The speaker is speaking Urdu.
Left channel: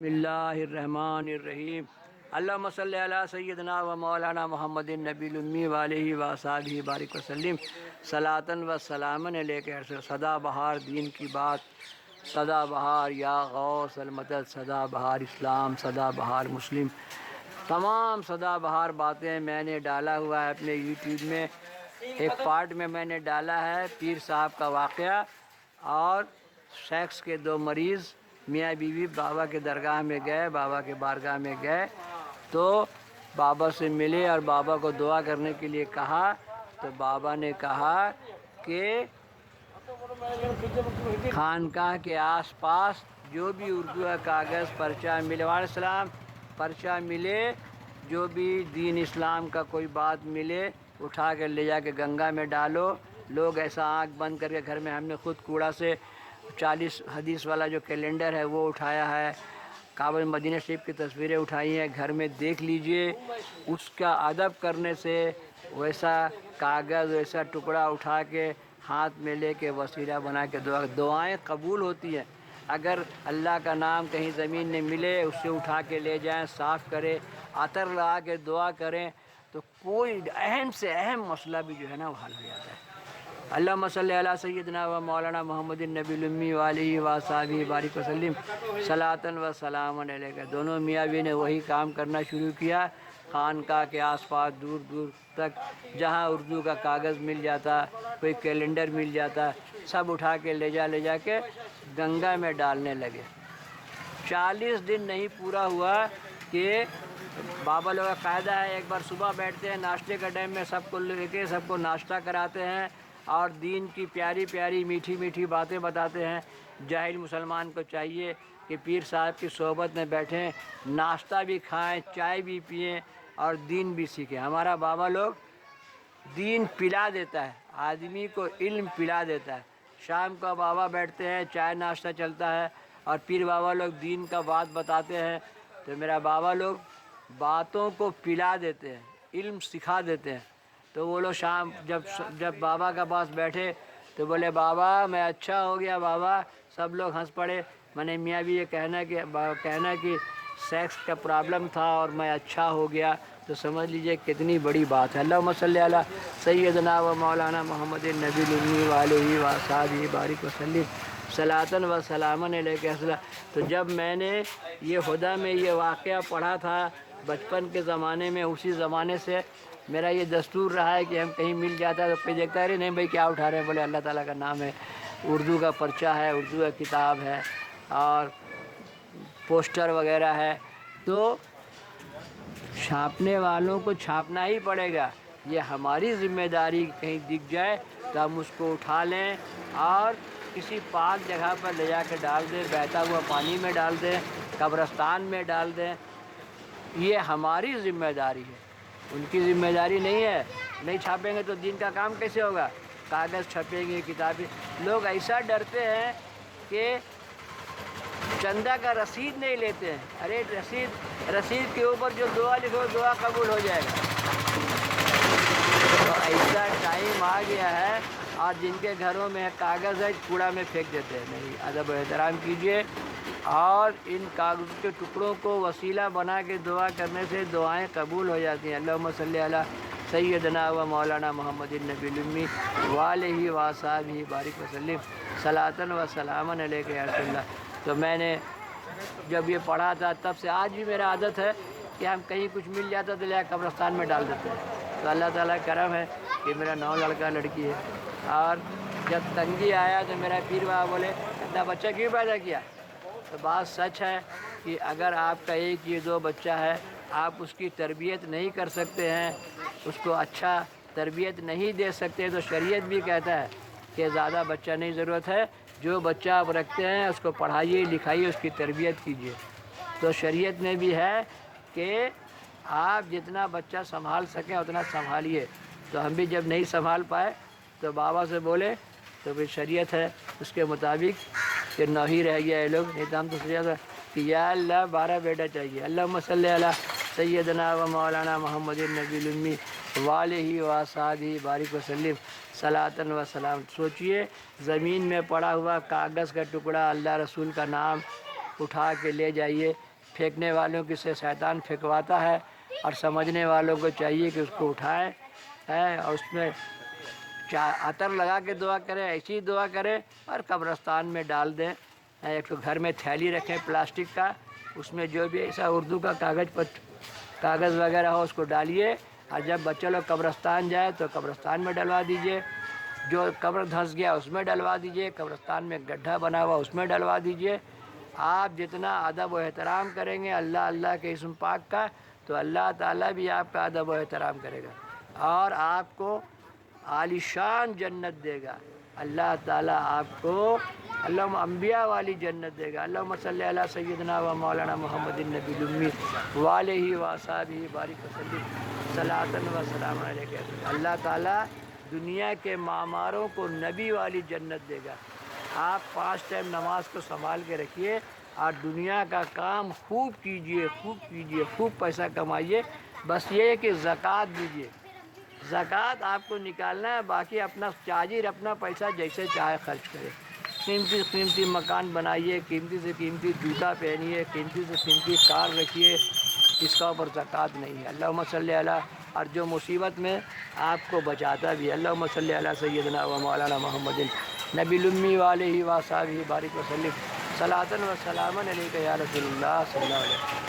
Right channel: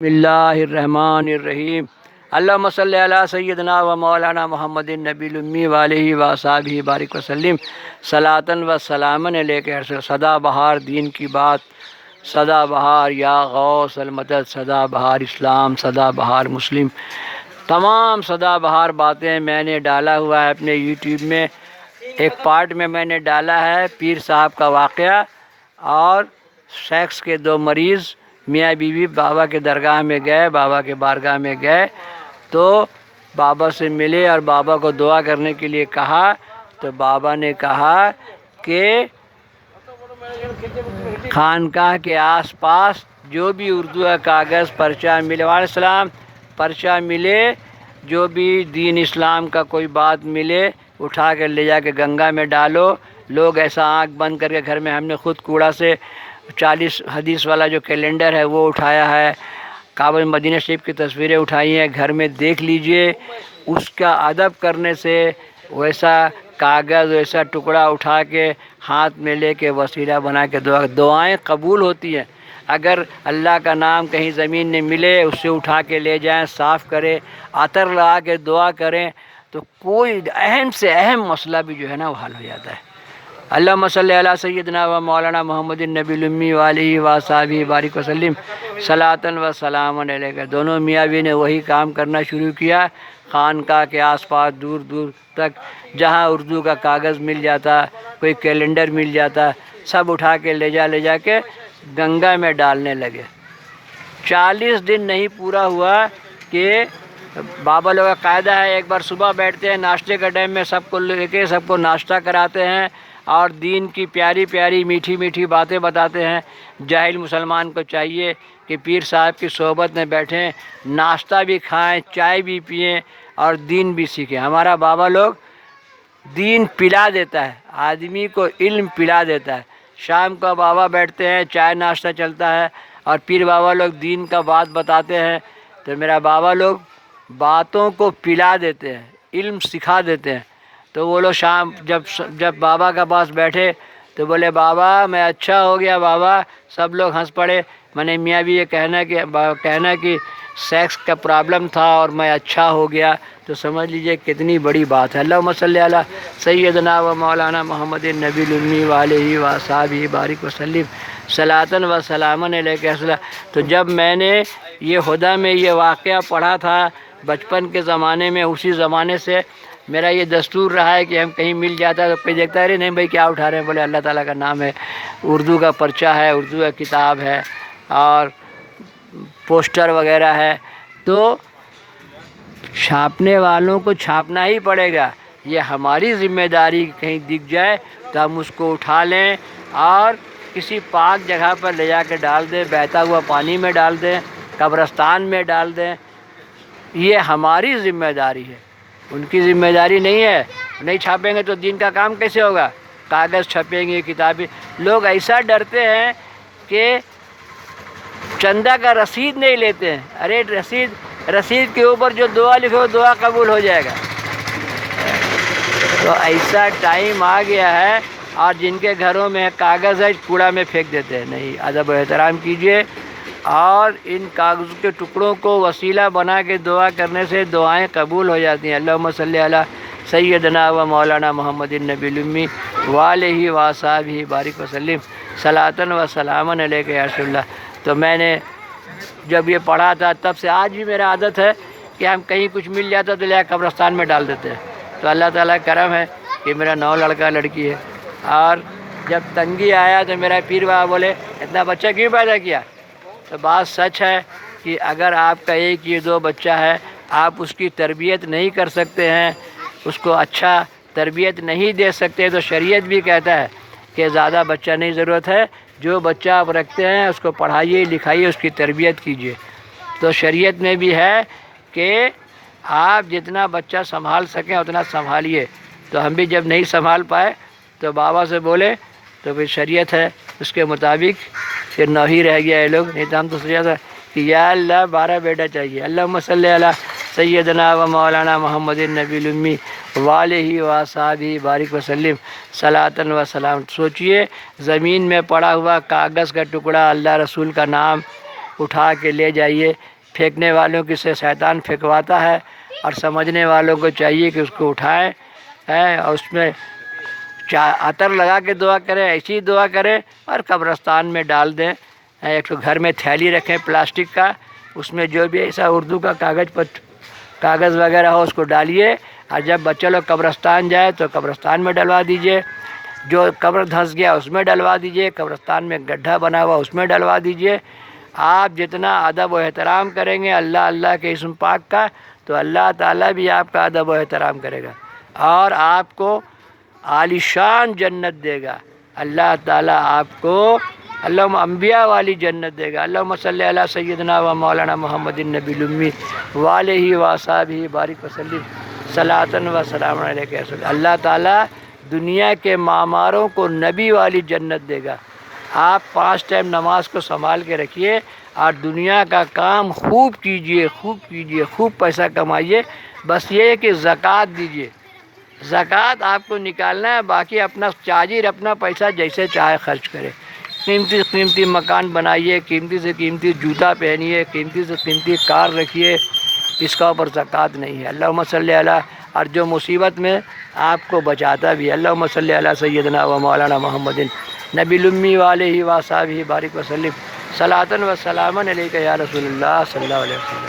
بسم اللہ الرحمن الرحیم اللہم صلی علی سیدنا و مولانا محمد النبی الامی وآلہ وصحبہ بارک وسلم صلاۃ و سلامن علیک سدا بہار دین کی بات، سدا بہار یا غوث المدد، سدا بہار اسلام، سدا بہار مسلم، تمام سدا بہار باتیں میں نے ڈالا ہوا ہے اپنے یوٹیوب میں۔ ایک پارٹ میں نے ڈالا ہے پیر صاحب کا واقعہ اور سیکس کے دو مریض میاں بیوی بابا کے درگاہ میں گئے، بابا کے بارگاہ میں گئے تو بابا سے ملے اور بابا کو دعا کرنے کے لیے کہا، تو بابا نے کہا کہ خانقاہ کے آس پاس جو بھی اردو کا کاغذ پرچہ ملے، وعلیکم السلام، پرچہ ملے، جو بھی دین اسلام کا کوئی بات ملے اٹھا کے لے جا کے گنگا میں ڈالو۔ لوگ ایسا آنکھ بند کر کے گھر میں، ہم نے خود کوڑا سے 40 حدیث والا جو کیلنڈر ہے وہ اٹھایا ہے، کعبہ مدینہ شریف کی تصویریں اٹھائی ہیں، گھر میں دیکھ لیجئے۔ اس کا ادب کرنے سے ویسا کاغذ، ویسا ٹکڑا اٹھا کے ہاتھ میں لے کے وسیلہ بنا کے دعائیں قبول ہوتی ہیں۔ اگر اللہ کا نام کہیں زمین میں ملے، اس سے اٹھا کے لے جائیں، صاف کرے، عطر لگا کے دعا کریں تو کوئی اہم سے اہم مسئلہ بھی جو ہے نا وہ حل ہو جاتا ہے۔ اللہم صلی علی سیدنا و مولانا محمد النبی الامی وآلہ وصحبہ بارک وسلم صلاۃ و سلام علیک۔ دونوں میاں بیوی نے وہی کام کرنا شروع کیا۔ خانقاہ کے آس پاس دور دور تک جہاں اردو کا کاغذ مل جاتا، کوئی کیلنڈر مل جاتا، سب اٹھا کے لے جا کے گنگا میں ڈالنے لگے۔ 40 دن نہیں پورا ہوا کہ بابا لوگ کا قاعدہ ہے، ایک بار صبح بیٹھتے ہیں ناشتے کا ٹائم میں، سب کو لے کے سب کو ناشتہ کراتے ہیں اور دین کی پیاری پیاری میٹھی میٹھی باتیں بتاتے ہیں۔ جاہل مسلمان کو چاہیے کہ پیر صاحب کی صحبت میں بیٹھیں، ناشتہ بھی کھائیں، چائے بھی پئیں اور دین بھی سیکھیں۔ ہمارا بابا لوگ دین پلا دیتا ہے، آدمی کو علم پلا دیتا ہے۔ شام کو بابا بیٹھتے ہیں، چائے ناشتہ چلتا ہے اور پیر بابا لوگ دین کا بات بتاتے ہیں، تو میرا بابا لوگ باتوں کو پلا دیتے ہیں، علم سکھا دیتے ہیں۔ تو وہ لوگ شام جب بابا کے پاس بیٹھے تو بولے بابا میں اچھا ہو گیا بابا، سب لوگ ہنس پڑے۔ میں نے میاں بھی یہ کہنا کہ سیکس کا پرابلم تھا اور میں اچھا ہو گیا، تو سمجھ لیجئے کتنی بڑی بات ہے۔ اللہم صلی علی سیدنا و مولانا محمد النبی الامی وآلہ وصحبہ بارک وسلم صلاۃ و سلامن علیک۔ تو جب میں نے یہ ہدیٰ میں یہ واقعہ پڑھا تھا بچپن کے زمانے میں، اسی زمانے سے میرا یہ دستور رہا ہے کہ ہم کہیں مل جاتا ہے تو کوئی دیکھتا ہے نہیں بھائی کیا اٹھا رہے ہیں، بولے اللہ تعالیٰ کا نام ہے، اردو کا پرچہ ہے، اردو کا کتاب ہے اور پوسٹر وغیرہ ہے، تو چھاپنے والوں کو چھاپنا ہی پڑے گا۔ یہ ہماری ذمہ داری، کہیں دکھ جائے تو ہم اس کو اٹھا لیں اور کسی پاک جگہ پر لے جا کے ڈال دیں، بہتا ہوا پانی میں ڈال دیں، قبرستان میں ڈال دیں۔ یہ ہماری ذمہ داری ہے، ان کی ذمہ داری نہیں ہے۔ نہیں چھاپیں گے تو دین کا کام کیسے ہوگا؟ کاغذ چھپیں گے، کتابیں۔ لوگ ایسا ڈرتے ہیں کہ چندہ کا رسید نہیں لیتے ہیں۔ ارے رسید کے اوپر جو دعا لکھو دعا قبول ہو جائے گا۔ تو ایسا ٹائم آ گیا ہے، اور جن کے گھروں میں کاغذ ہے کوڑا میں پھینک دیتے ہیں۔ نہیں، ادب و احترام کیجئے اور ان کاغذ کے ٹکڑوں کو وسیلہ بنا کے دعا کرنے سے دعائیں قبول ہو جاتی ہیں۔ اللہم صلی علی سیدنا و مولانا محمد النبی الامی وآلہ وصحبہ بارک وسلم صلاۃ و سلامن علیک یا رسول اللہ۔ تو میں نے جب یہ پڑھا تھا تب سے آج بھی میرا عادت ہے کہ ہم کہیں کچھ مل جاتا تو لے قبرستان میں ڈال دیتے ہیں۔ تو اللہ تعالیٰ کا کرم ہے کہ میرا 9 لڑکا لڑکی ہے، اور جب تنگی آیا تو میرا پیر بابا بولے اتنا بچہ کیوں پیدا کیا؟ تو بات سچ ہے کہ اگر آپ کا ایک یہ 2 بچہ ہے، آپ اس کی تربیت نہیں کر سکتے ہیں، اس کو اچھا تربیت نہیں دے سکتے، تو شریعت بھی کہتا ہے کہ زیادہ بچہ نہیں ضرورت ہے، جو بچہ آپ رکھتے ہیں اس کو پڑھائیے لکھائیے، اس کی تربیت کیجیے۔ تو شریعت میں بھی ہے کہ آپ جتنا بچہ سنبھال سکیں اتنا سنبھالیے۔ تو ہم بھی جب نہیں سنبھال پائے تو بابا سے بولے، تو پھر شریعت ہے اس کے مطابق کہ 9 ہی رہ گیا یہ لوگ، نہیں تو ہم تو سوچا تھا کہ یا اللہ 12 بیٹا چاہیے۔ اللہم صلی علی سیدنا و مولانا محمد النبی الامی وآلہ وصحبہ بارک وسلم صلاۃ و سلام۔ سوچئے زمین میں پڑا ہوا کاغذ کا ٹکڑا، اللہ رسول کا نام، اٹھا کے لے جائیے۔ پھینکنے والوں کی سے شیطان پھینکواتا ہے، اور سمجھنے والوں کو چاہیے کہ اس کو اٹھائیں اور اس میں عطر لگا کے دعا کریں، ایسی دعا کریں اور قبرستان میں ڈال دیں۔ ایک تو گھر میں تھیلی رکھیں پلاسٹک کا، اس میں جو بھی ایسا اردو کا کاغذ وغیرہ ہو اس کو ڈالیے، اور جب بچے لوگ قبرستان جائے تو قبرستان میں ڈلوا دیجیے۔ جو قبر دھنس گیا اس میں ڈلوا دیجیے، قبرستان میں گڈھا بنا ہوا اس میں ڈلوا دیجیے۔ آپ جتنا ادب و احترام کریں گے اللہ کے اسم پاک کا، تو اللہ تعالیٰ بھی آپ کا ادب و احترام کرے گا اور آپ کو عالی شان جنت دے گا۔ اللہ تعالیٰ آپ کو اللہم انبیاء والی جنت دے گا۔ اللہم صلی علی سیدنا و مولانا محمد النبی الامی وآلہ وصحبہ بارک وسلم صلاۃ و سلام علیہ۔ اللہ تعالیٰ دنیا کے معماروں کو نبی والی جنت دے گا۔ آپ 5 ٹائم نماز کو سنبھال کے رکھیے اور دنیا کا کام خوب کیجئے، خوب پیسہ کمائیے۔ بس یہ ہے کہ زکوٰۃ دیجئے، زکوٰۃ آپ کو نکالنا ہے، باقی اپنا تاجر اپنا پیسہ جیسے چاہے خرچ کرے۔ قیمتی مکان بنائیے، قیمتی سے قیمتی جوتا پہنیے، قیمتی سے قیمتی کار رکھیے، اس کا اوپر زکوٰۃ نہیں ہے۔ اللہم صلی علی، اور جو مصیبت میں آپ کو بچاتا بھی، اللہم صلی علی سیدنا و مولانا محمد نبی الامی وآلہ وصحبہ بارک وسلم صلاۃ و سلام علیک یا رسول اللہ صلی اللہ علیہ وسلم۔